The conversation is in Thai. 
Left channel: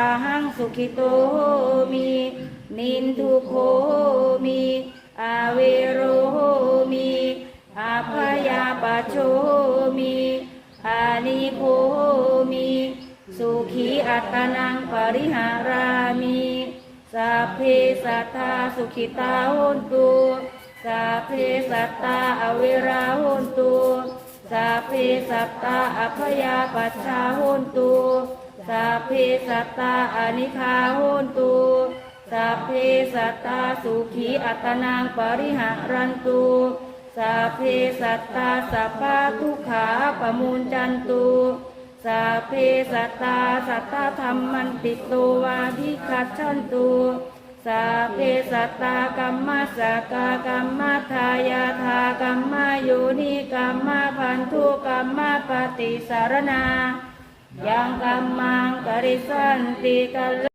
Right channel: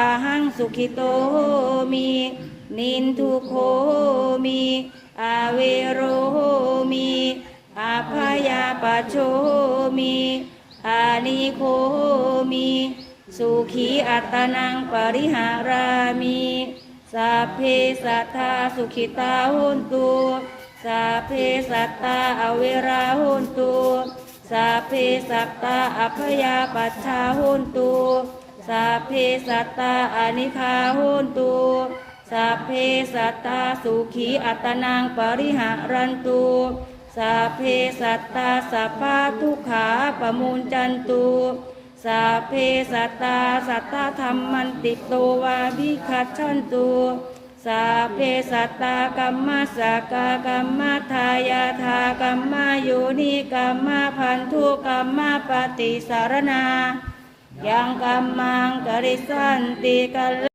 อาหังสุขิโตมินินทุโคมิอาเวโรมิอาพยาปโชมิอานิโคมิสุขีอัตนังปริหารามิสัพเพสัทธาสุขิตาโหนตุสัพเพสัตตาอเวราโหนตุสัพเพสัตตาอภยาปัชชาโหนตุ สัพเพสัตตาอนิคาโหนตุสัพเพสัตตาสุขีอัตนังปริหารันตุสัพเพสัตตาสัพพะทุขาปมุญจันตุสัพเพสัตตาสัตตาธรรมันติโตวาภิคัจฉันตุสัพเพสัตตากัมมาสกากรรมทายาทากัมมาโยนิกัมมาพันธุกัมมาปฏิสารนา ยังกัมมังกริสันติกัล